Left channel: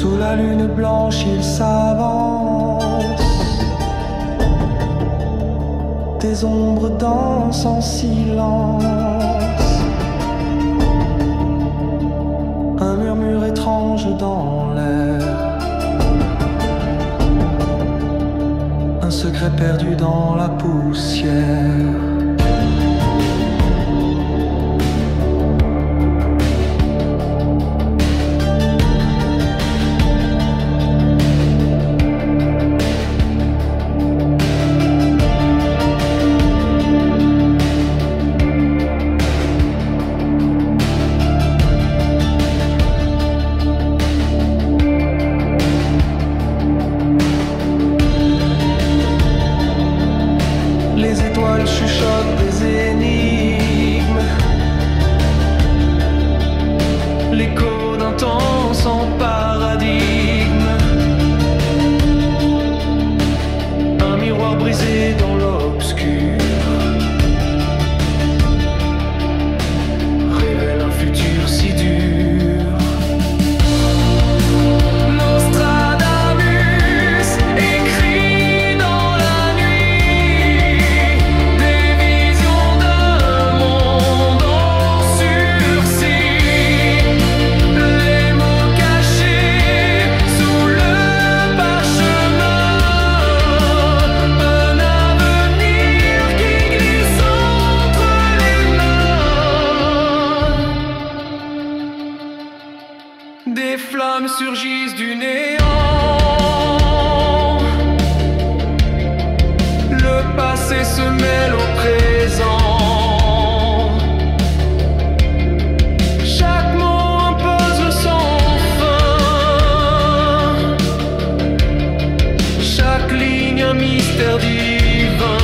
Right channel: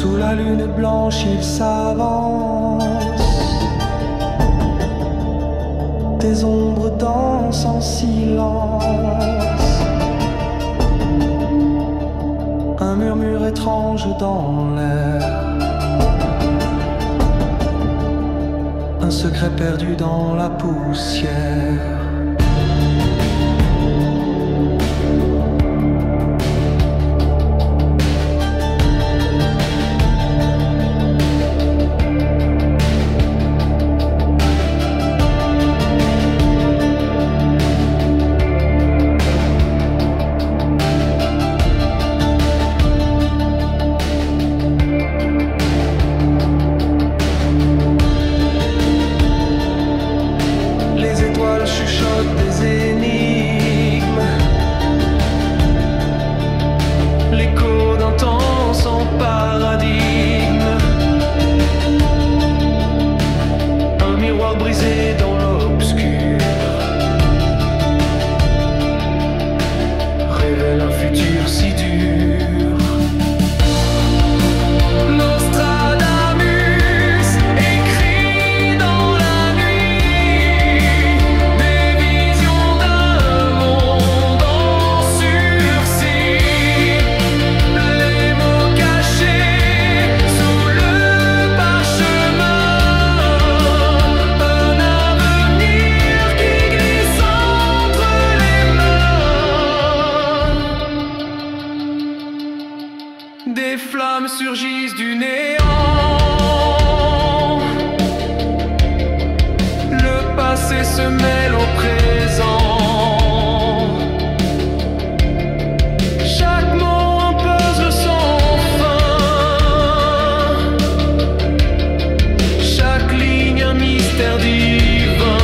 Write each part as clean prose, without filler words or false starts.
Sous la lune blanche il s'avance, des ombres dansent en silence, un murmure étrange dans l'air, un secret perdu dans la poussière. Les étoiles chuchotent des énigmes, l'écho d'un temps sans paradigme, un miroir brisé dans l'obscur révèle un futur si dur. Des flammes surgissent du néant, le passé se mêle au présent, chaque mot un puzzle sans fin, chaque ligne un mystère divin.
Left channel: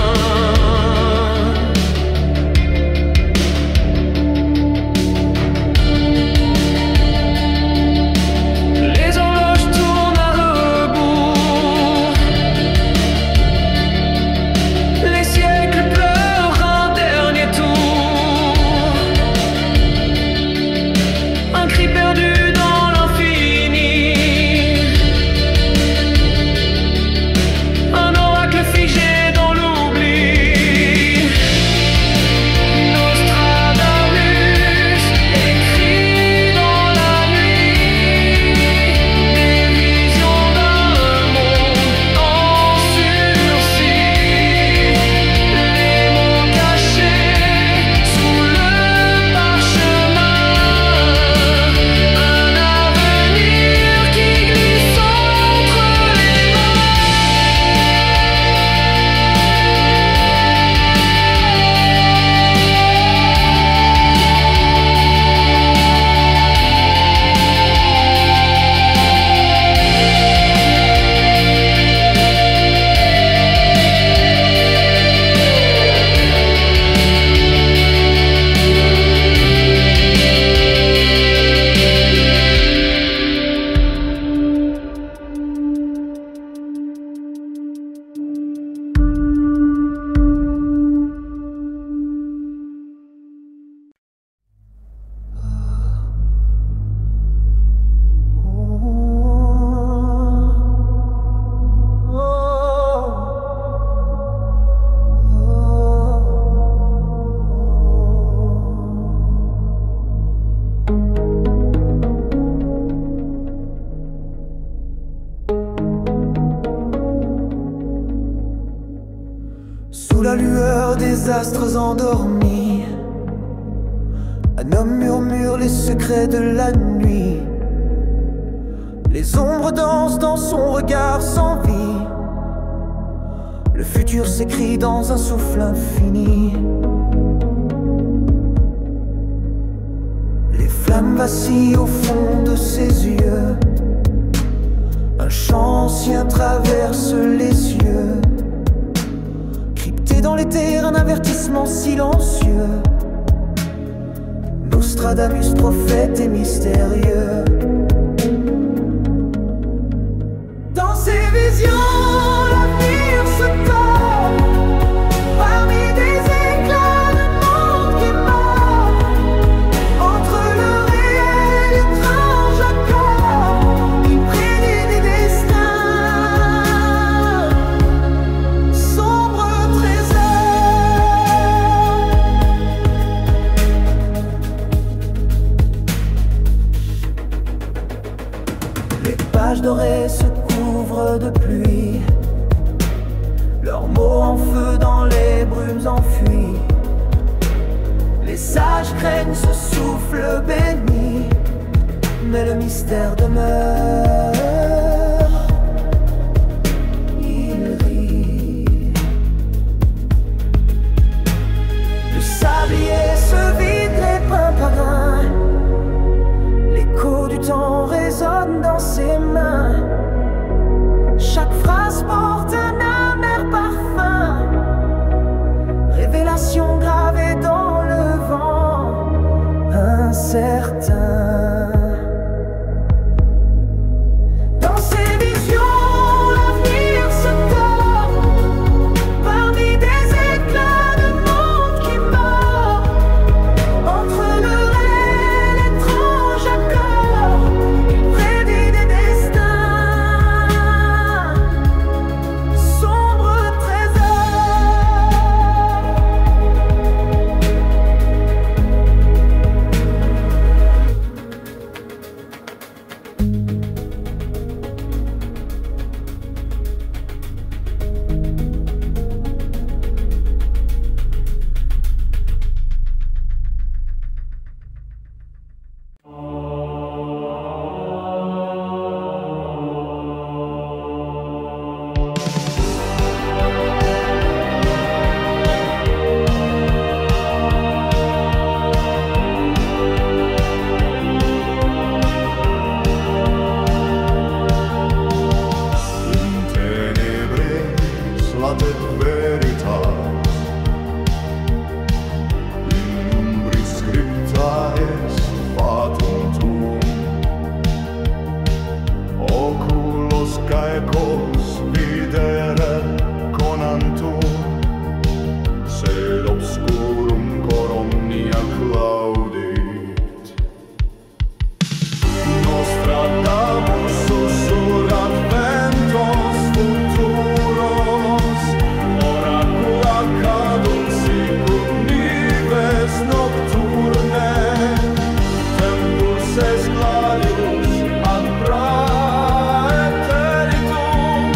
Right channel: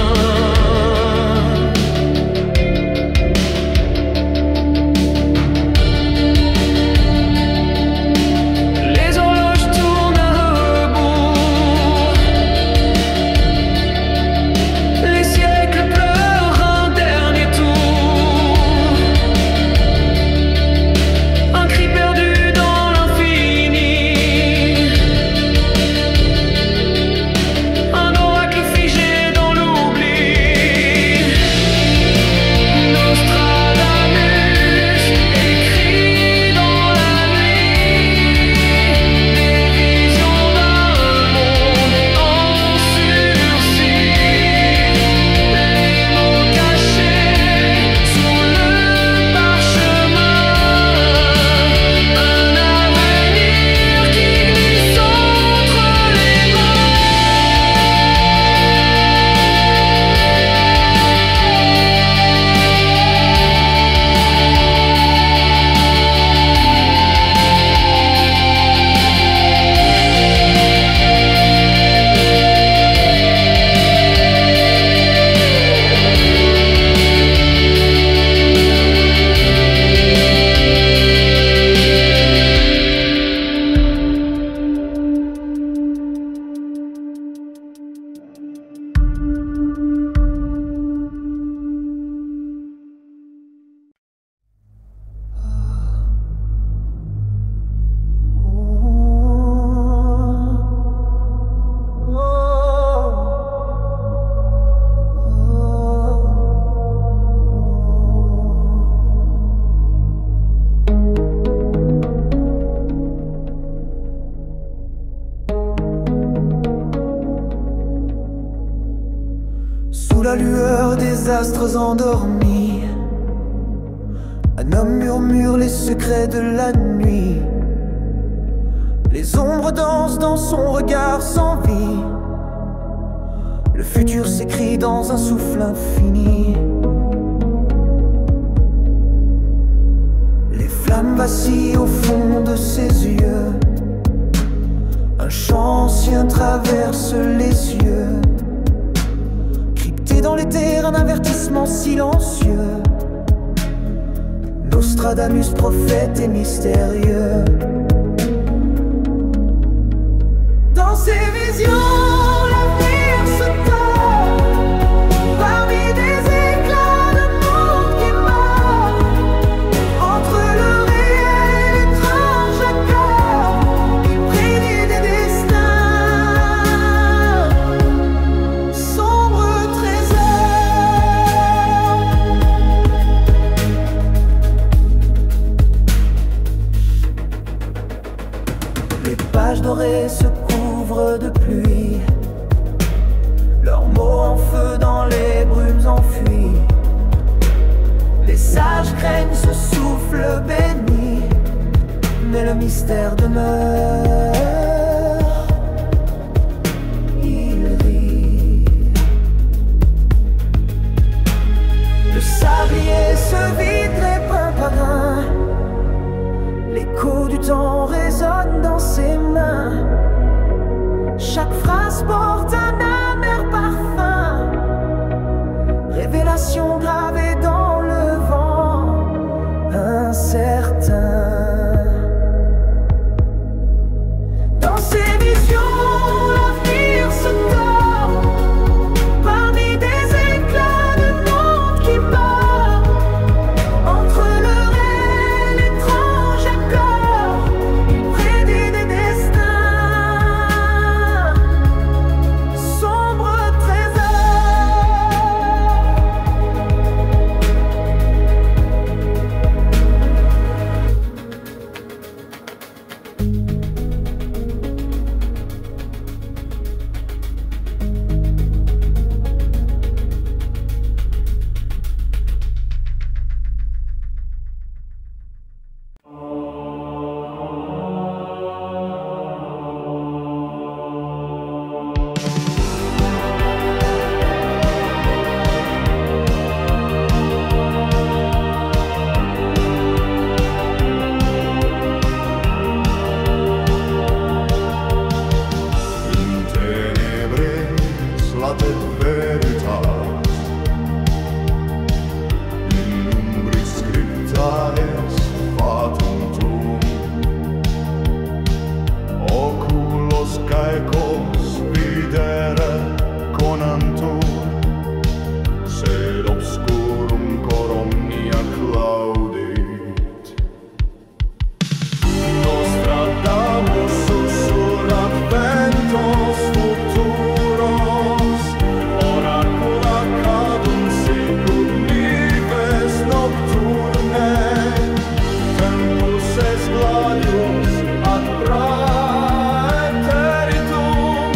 Sous la lueur des astres endormis, un homme murmure les secrets de la nuit. Les ombres dansent dans son regard sans vie. Le futur s'écrit dans un souffle infini. Les flammes vacillent au fond de ses yeux. Un chant ancien traverse les cieux. Crypté dans l'éther, un avertissement silencieux. Nostradamus, prophète et mystérieux. Dans ses visions, l'avenir se tord. Parmi des éclats de monde qui est mort. Entre le réel et l'étrange accord, il prédit Les pages dorées se couvrent de pluie, leurs mots en feu dans les brumes enfuient. Les sages craignent ce souffle béni, mais le mystère demeure. Il rit. Le sablier se vide grain par grain. L'écho du temps résonne dans ses mains. Chaque phrase porte un amer parfum, révélation gravée dans le vent incertain. Dans ses visions, l'avenir se tord parmi des éclats de monde qui mord. Entre le réel, l'étrange accord, il prédit des destins. Sombre trésor. Latet veritas in umbris scripta est fatum tuum, oculos caecos videre conantur, sed obscurum cor omnia claudit. Nostradamus sussurrat ventos futuros, oracula cadunt sicut nives nocturne. Tempus est gladius ad praeteritum,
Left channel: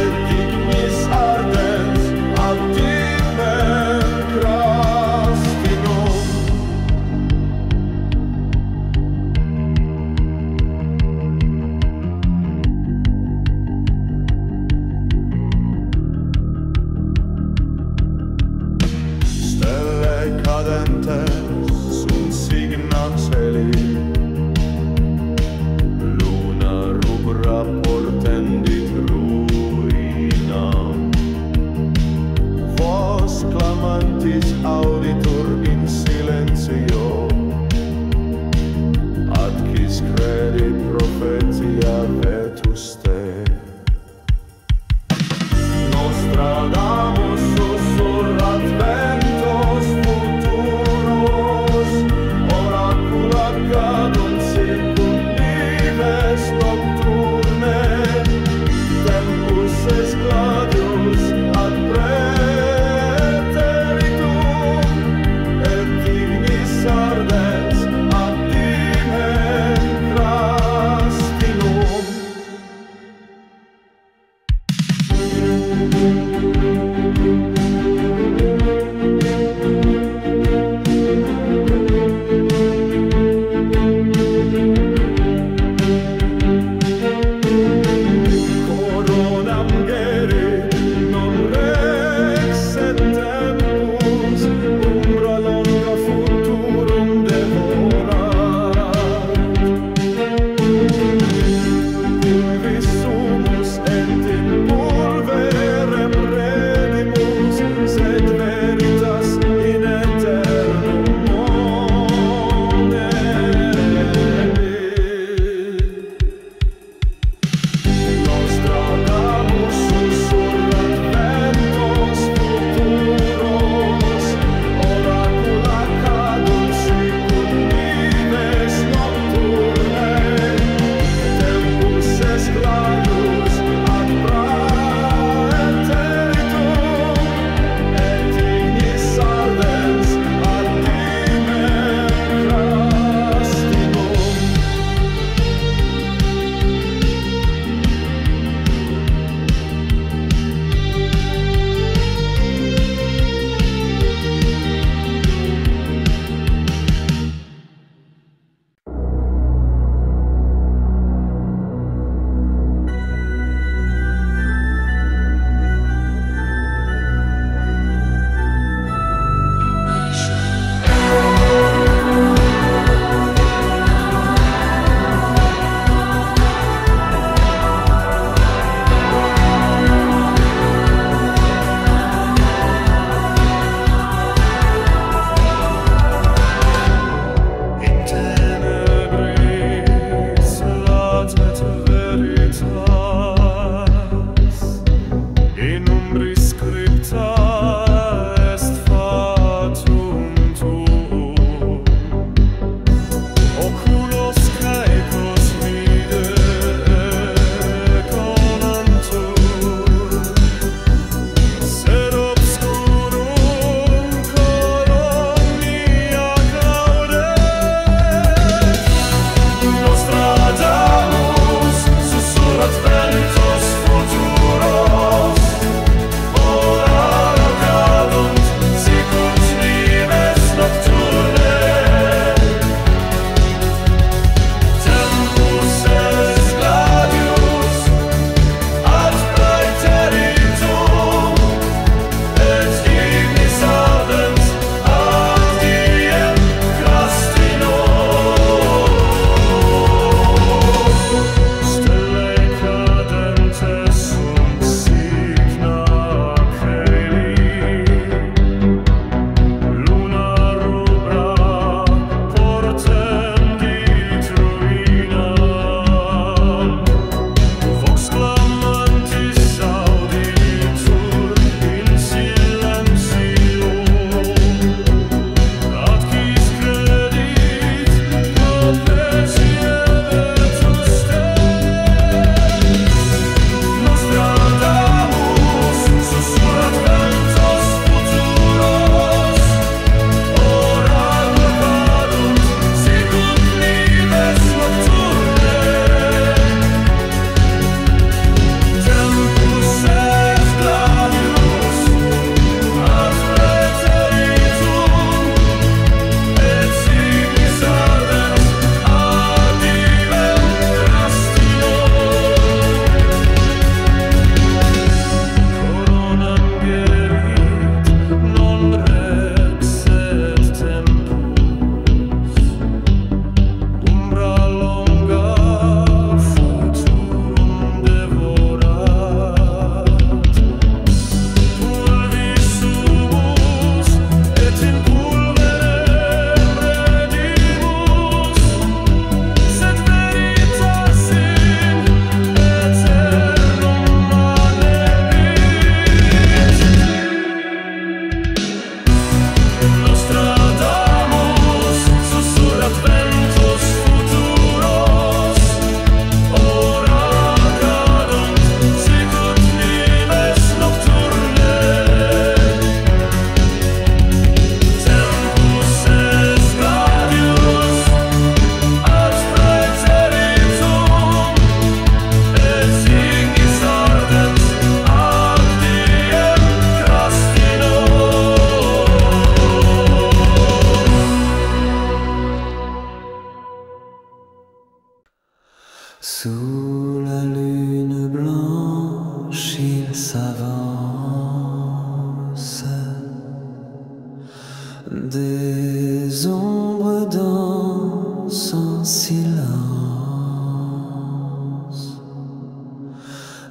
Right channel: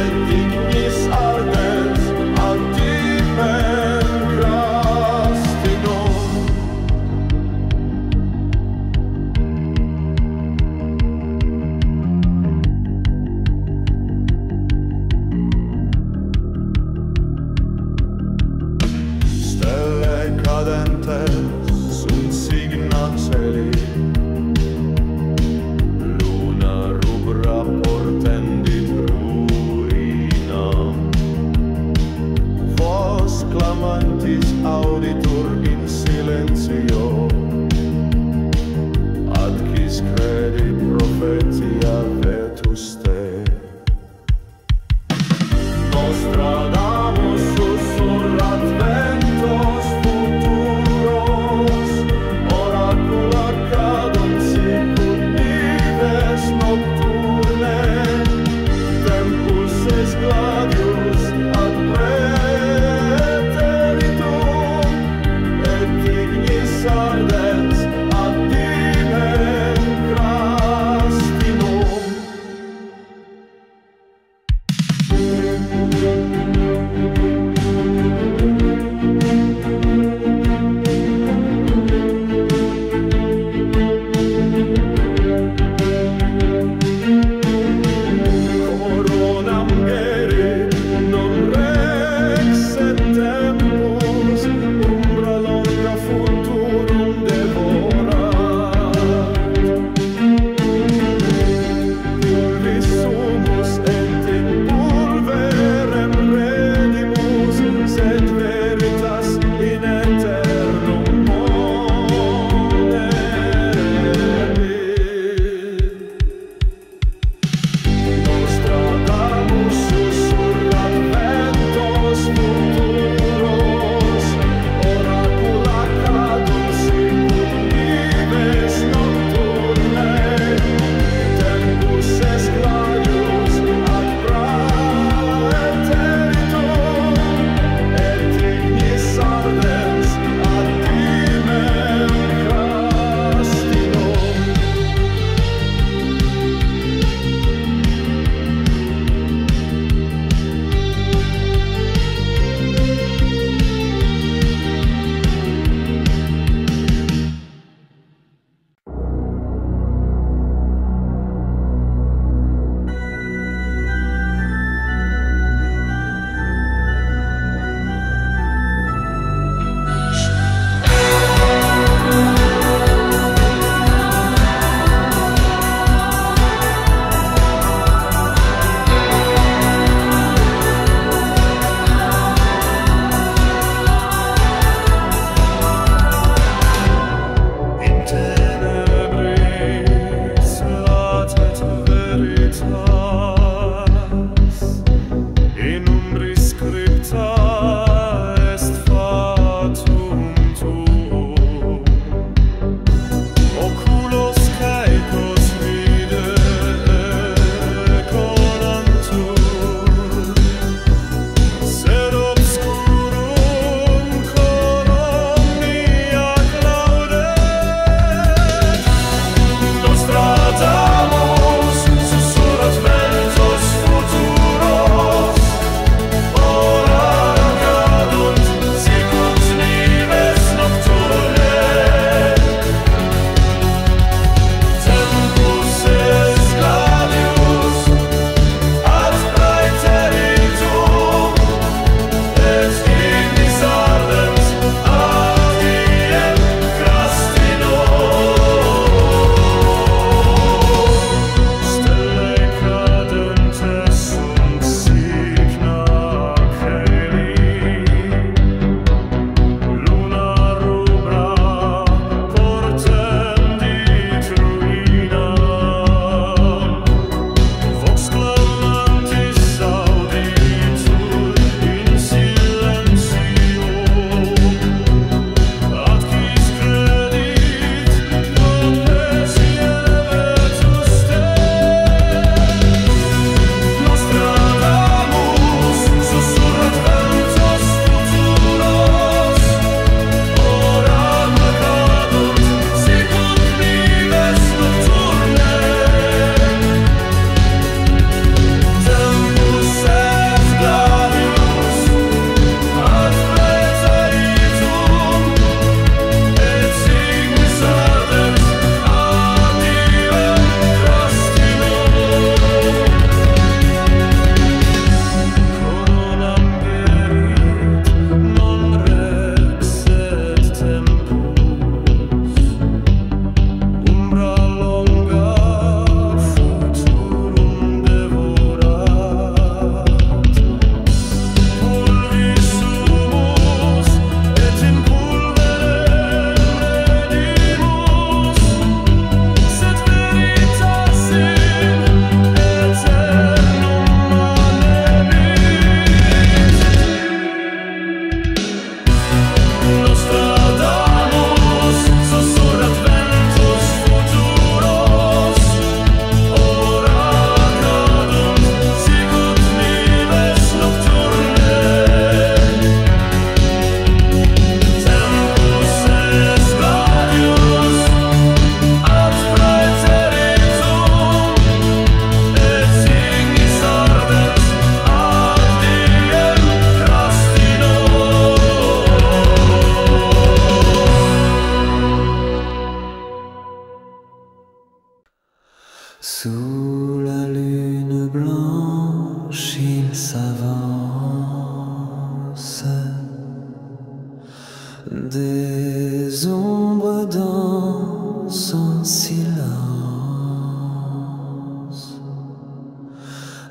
et ignis ardens ad dimem crastinum. Stelle cadentes sunt signa celi, luna rubra portendit ruinam. Vos clamantis auditur in silentio, ad quis credi prophetia vetuste. Nostradamus sussurrat ventos futuros, oracula cadunt sicut nives nocturne. Tempus est gladius ad praeteritum, et ignis ardens ad dimem crastinum. Sous la lune blanche, il s'avance, des ombres dansent en silence.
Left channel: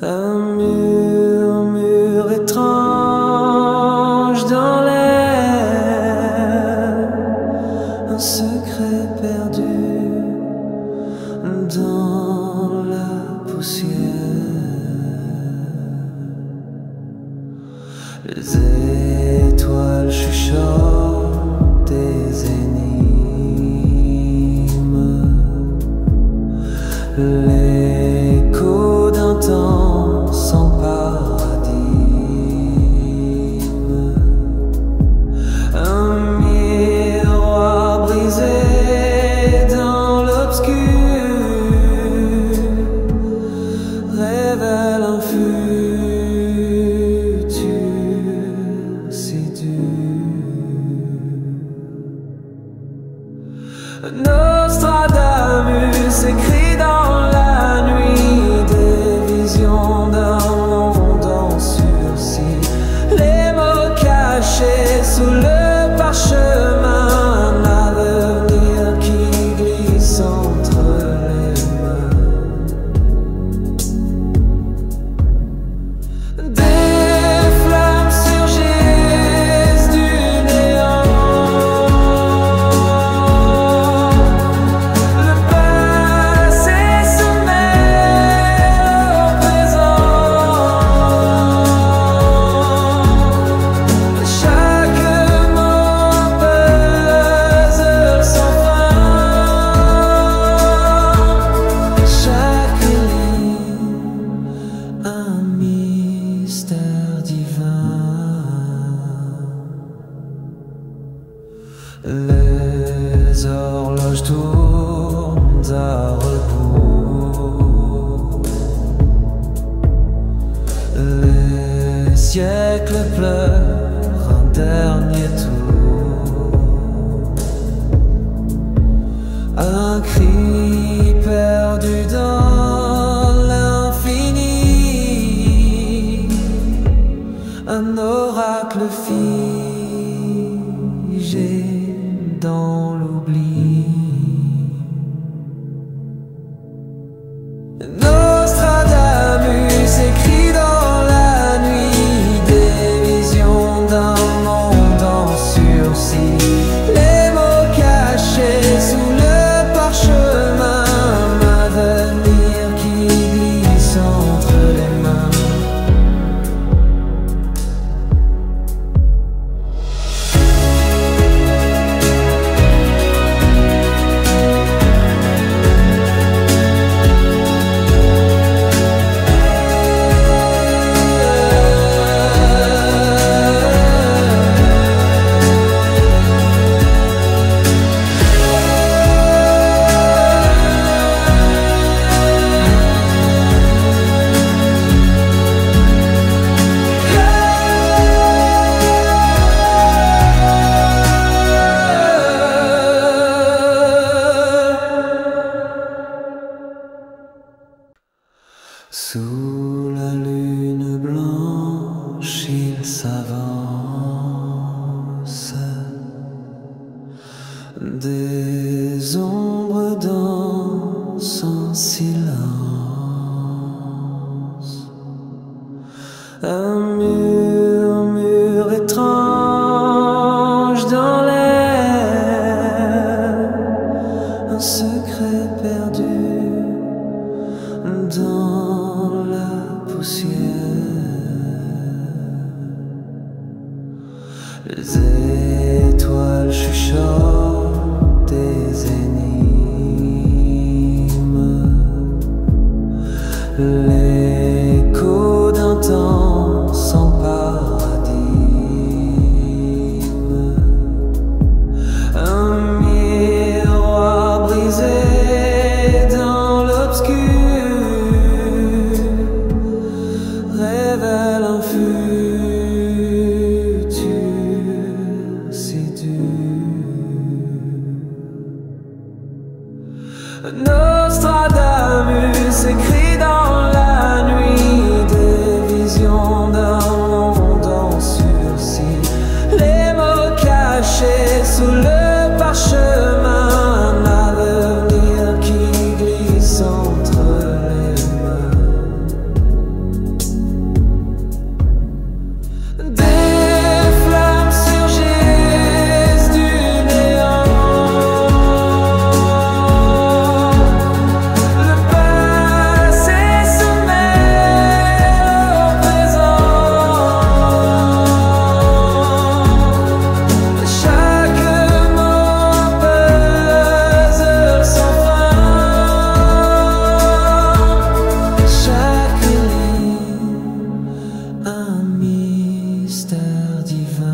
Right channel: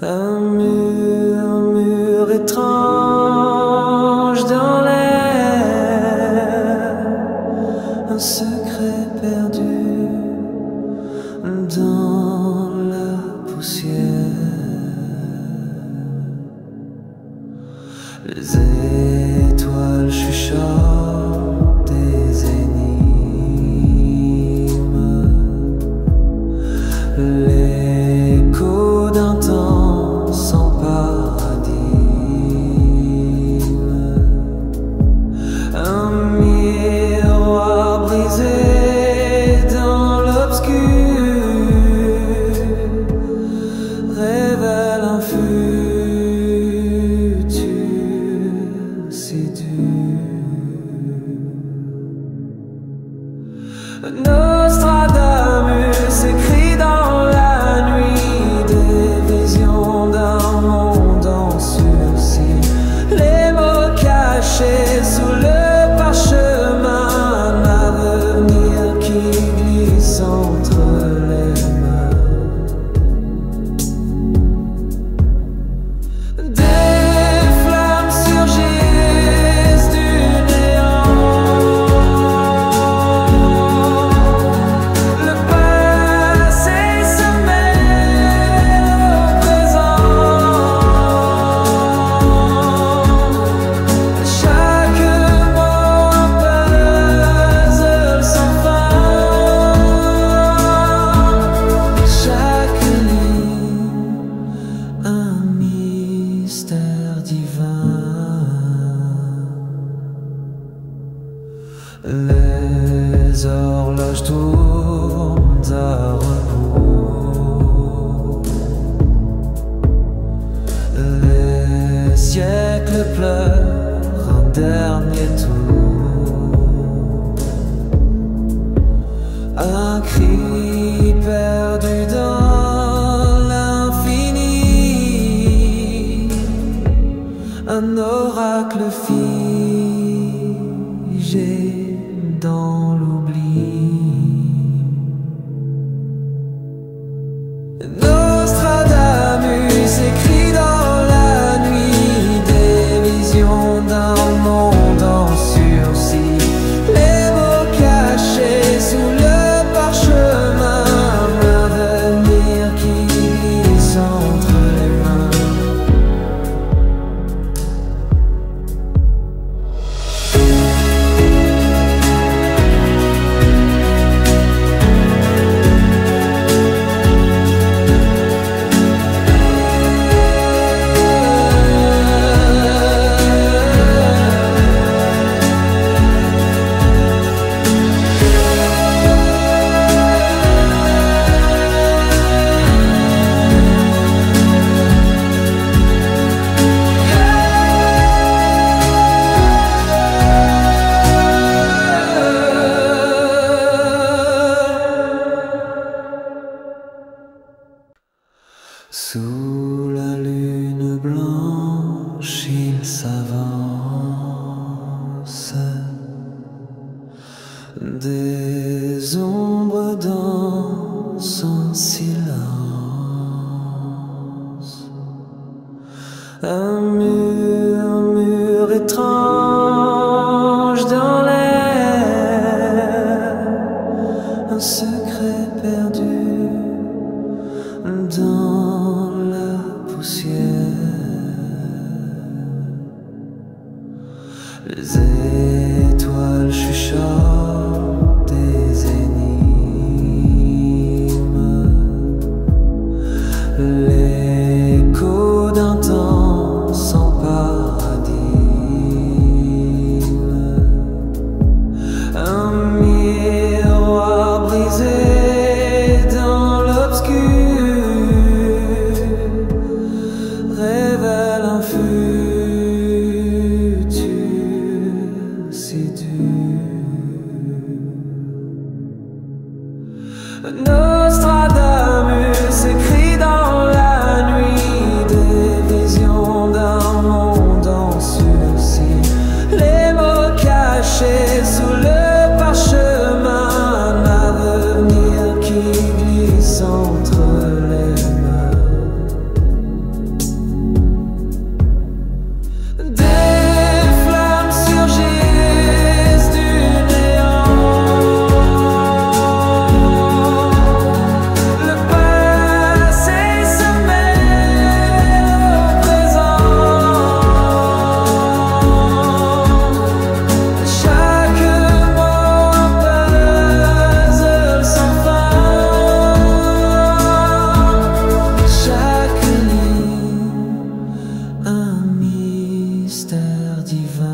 Un murmure étrange dans l'air, un secret perdu dans la poussière. Les étoiles chuchotent des énigmes, l'écho d'un temps sans paradigme, un miroir brisé dans l'obscur révèle un futur si dur. Nostradamus écrit dans la nuit des visions d'un monde en sursis, les mots cachés sous le parchemin, un avenir qui glisse entre les mains. Des flammes surgissent du néant, le passé se mêle au présent, chaque mot un puzzle sans fin, chaque ligne un mystère divin. Les horloges tournent à rebours, les siècles pleurent un dernier tour, un cri perdu dans l'infini, un oracle figé dans l'oubli. Nostradamus écrit dans la nuit des visions d'un monde en sursis, les mots cachés sous le parchemin, un avenir qui glisse entre les mains. Sous la lune blanche, il s'avance, des ombres dansent en silence, un murmure étrange dans l'air, un secret perdu dans la poussière. Les étoiles chuchotent des énigmes, l'écho d'un temps sans paradigme, un miroir brisé dans l'obscur révèle un futur si dur. Nostradamus s'écrit dans la nuit, des visions d'un monde en sursis, les mots cachés sous le parchemin, un avenir qui glisse entre les mains. Des flammes surgissent du néant, le passé se mêle au présent, chaque mot un puzzle sans fin, chaque ligne un mystère divin.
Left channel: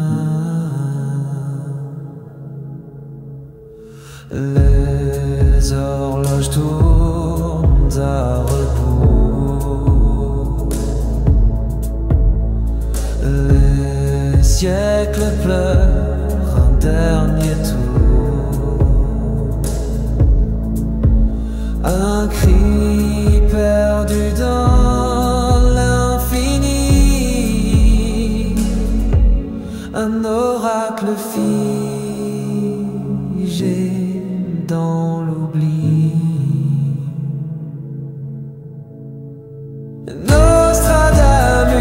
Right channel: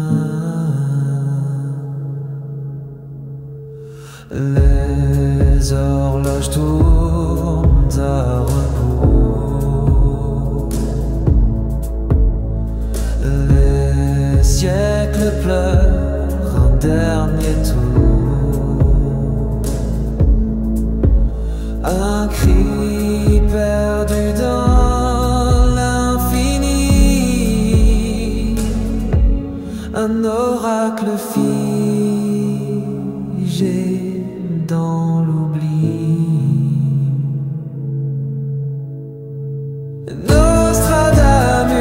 Les horloges tournent à rebours, les siècles pleurent un dernier tour, un cri perdu dans l'infini, un oracle figé dans l'oubli. Nostradamus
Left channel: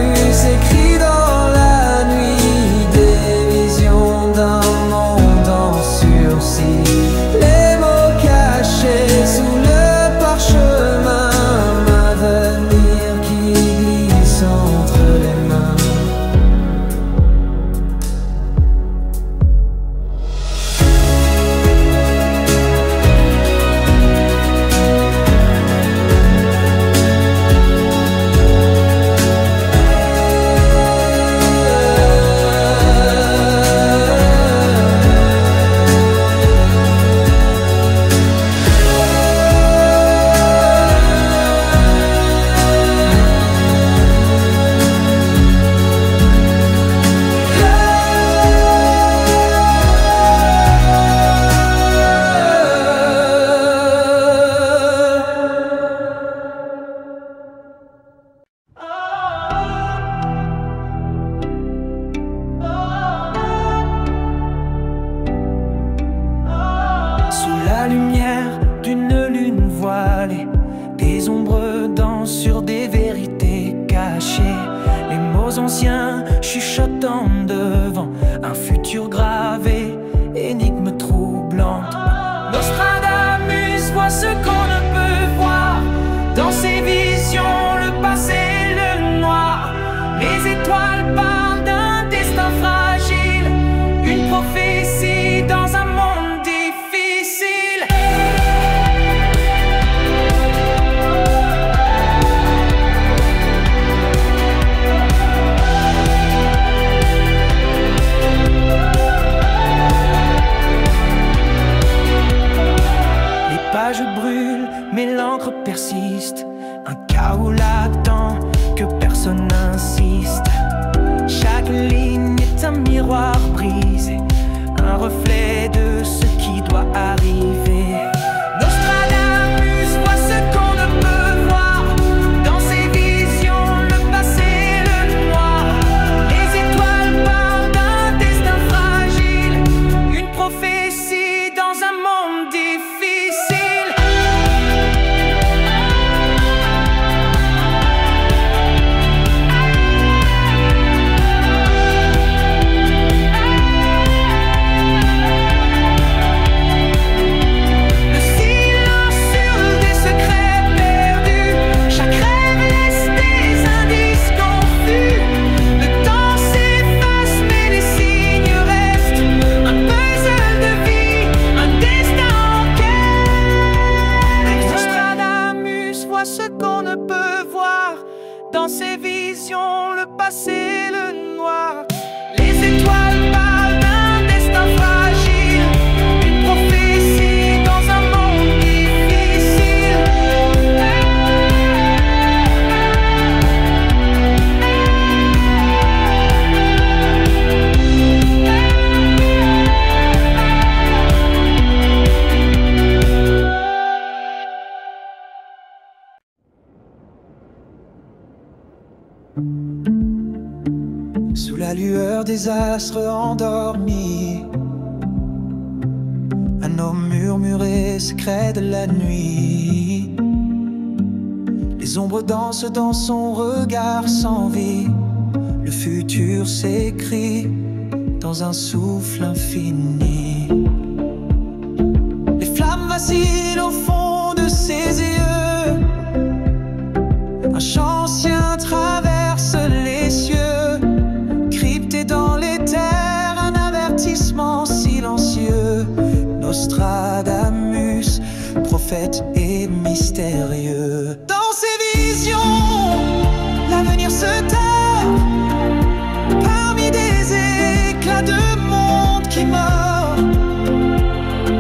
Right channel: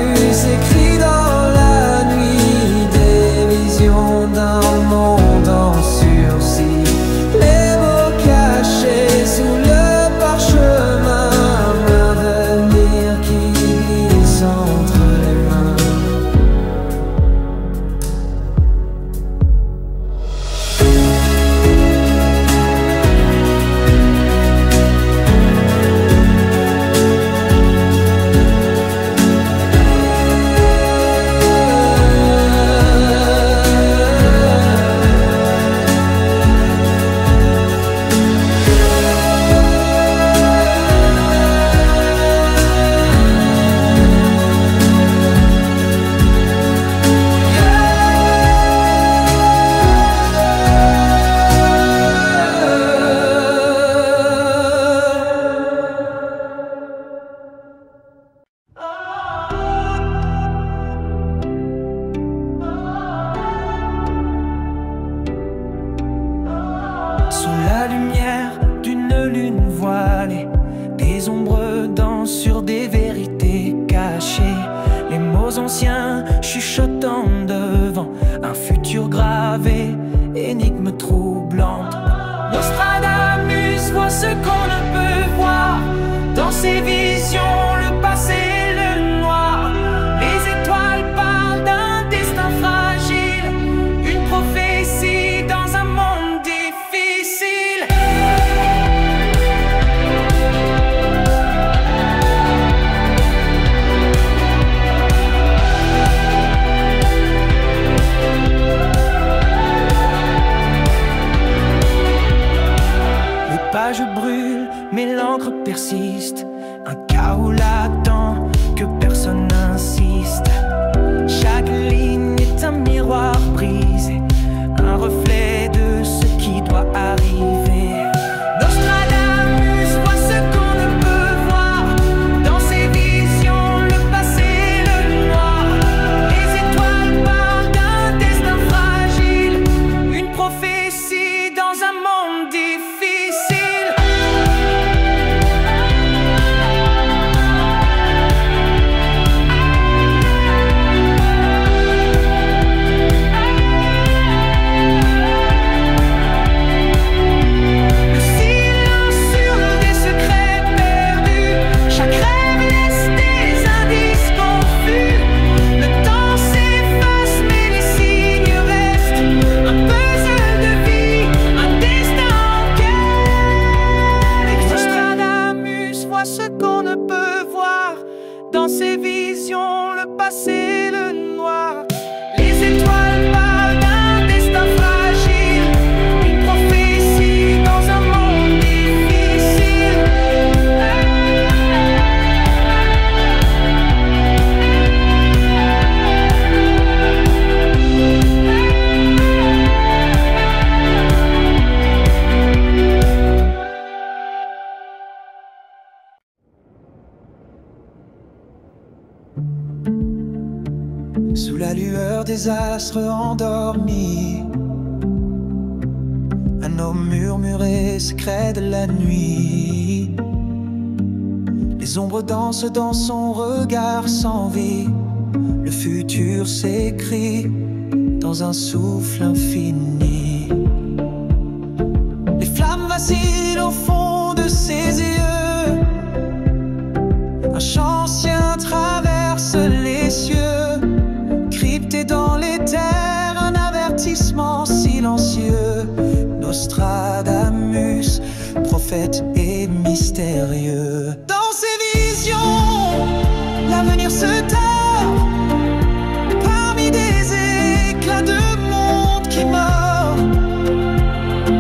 écrit dans la nuit, des visions d'un monde en sursis, les mots cachés sous le parchemin, un avenir qui glisse entre les mains. Sous la lumière d'une lune voilée, des ombres dansent sur des vérités cachées, les mots anciens chuchotant devant un futur gravé, énigme troublante. Nostradamus voit ce qu'on ne peut voir, dans ses visions le passé, le noir. Les étoiles parlent d'un destin fragile, une prophétie dans un monde difficile. Les pages brûlent, mais l'encre persiste, un chaos latent que personne n'insiste. Chaque ligne est un miroir brisé, un reflet de ce qui doit arriver. Nostradamus voit ce qu'on ne peut voir, dans ses visions le passé, le noir. Les étoiles parlent d'un destin fragile, une prophétie dans un monde difficile. Dans ses visions, le passé, le noir. Les étoiles parlent d'un destin fragile, une prophétie dans un monde difficile. Sous la lueur des astres endormis, un homme murmuré secret de la nuit. Les ombres dansent dans son regard sans vie. Le futur s'écrit dans un souffle infini. Les flammes vacillent au fond de ses yeux. Un chant ancien traverse les cieux. Crypté dans les terres, un avertissement silencieux. Nostradamus, prophète et mystérieux. Dans ses visions, l'avenir se tord parmi des éclats de monde qui meurt.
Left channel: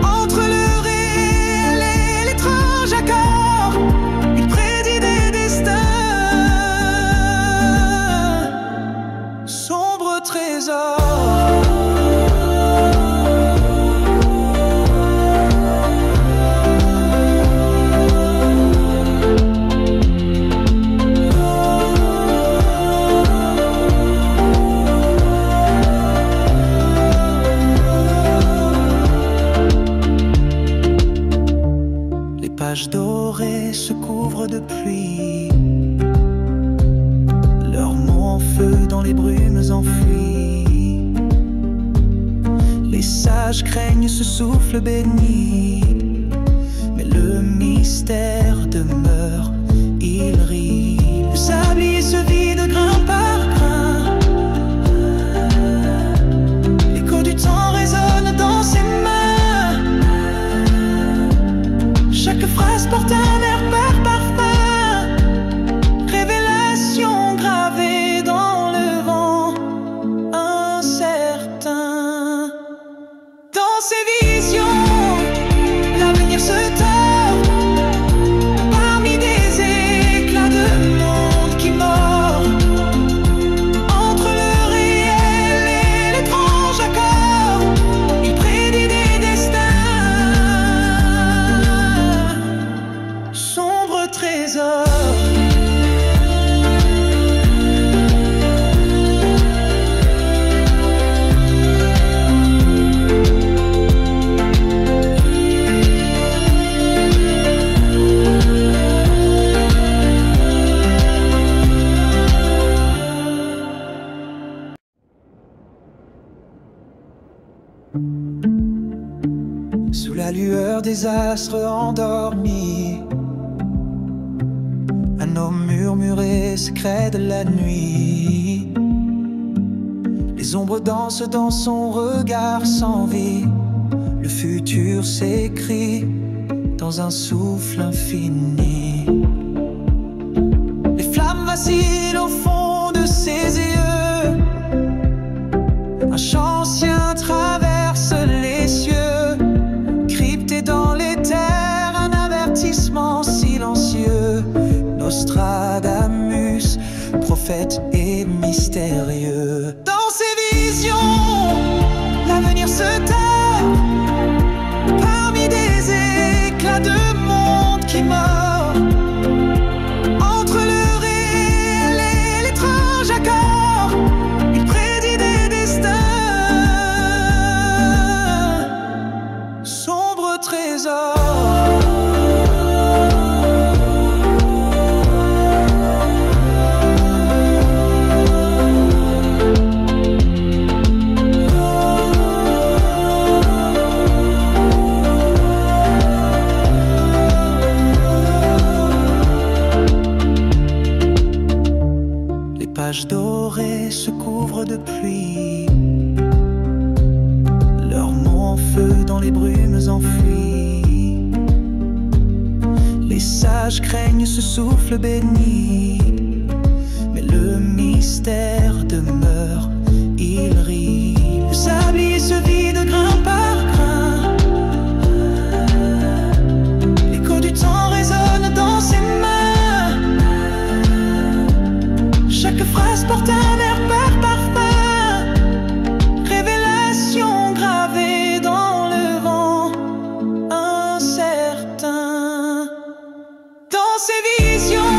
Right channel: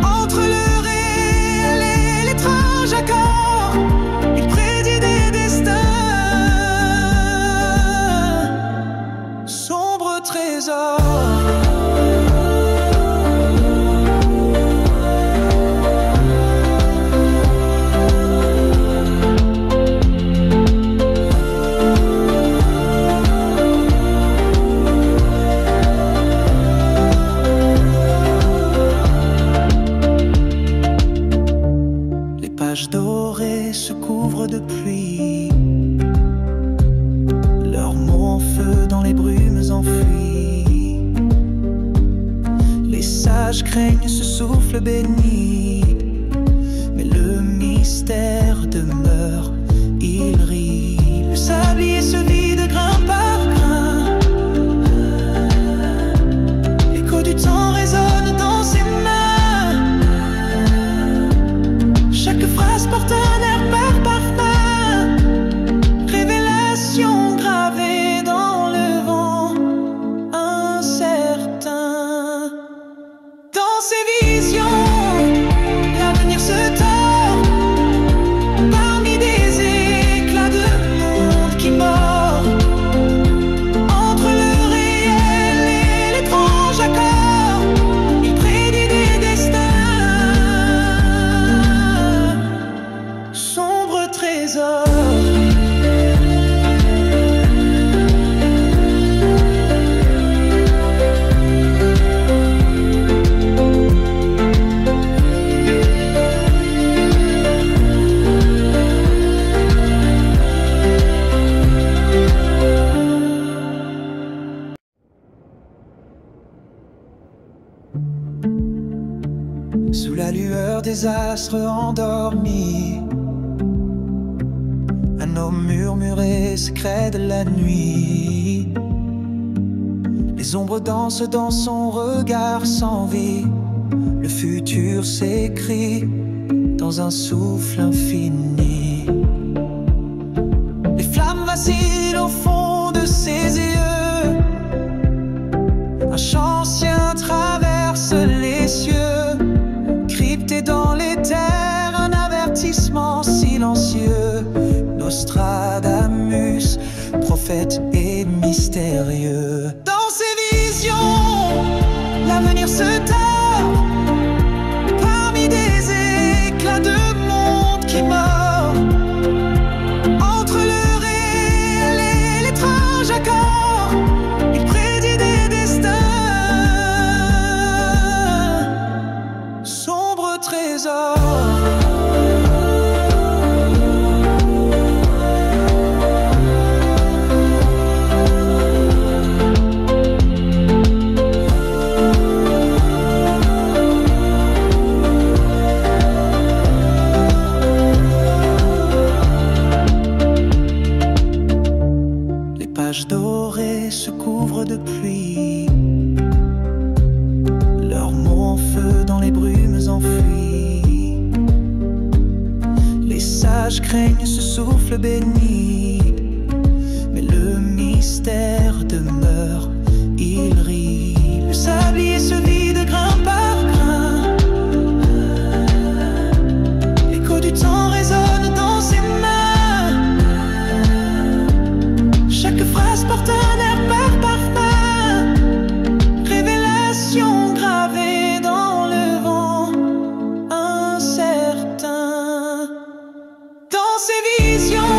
Entre le réel et l'étrange accord, il prédit des destins. Sombre trésor. Les pages dorées se couvrent de pluie. Leurs mots en feu dans les brumes enfuies. Les sages craignent ce souffle béni, mais le mystère demeure, il rit. Le sablier se vide grain par grain. L'écho du temps résonne dans ses mains. Chaque phrase porte un air par parfum. Révélation gravée dans le vent incertain. Dans ses visions, l'avenir se tord parmi des éclats de monde qui mord. Entre le réel et l'étrange accord, il prédit des destins. Sombre trésor. Sous la lueur des astres endormis, un homme murmuré secret de la nuit. Les ombres dansent dans son regard sans vie. Le futur s'écrit dans un souffle infini. Les flammes vacillent au fond de ses yeux. Un chant ancien traverse les cieux. Crypté dans les terres, un avertissement silencieux. Nostradamus, prophète et mystérieux. Dans ses visions, l'avenir se tord parmi des éclats de monde qui meurt. Entre le réel et l'étrange accord, il prédit des destins. Sombre trésor. Les pages dorées se couvrent de pluie. Leurs mots en feu dans les brumes enfuies. Les sages craignent ce souffle béni, mais le mystère demeure, il rit. Le sablier se vide grain par grain. L'écho du temps résonne dans ses mains. Chaque phrase porte un air par parfum. Révélation gravée dans le vent incertain. Dans ses visions,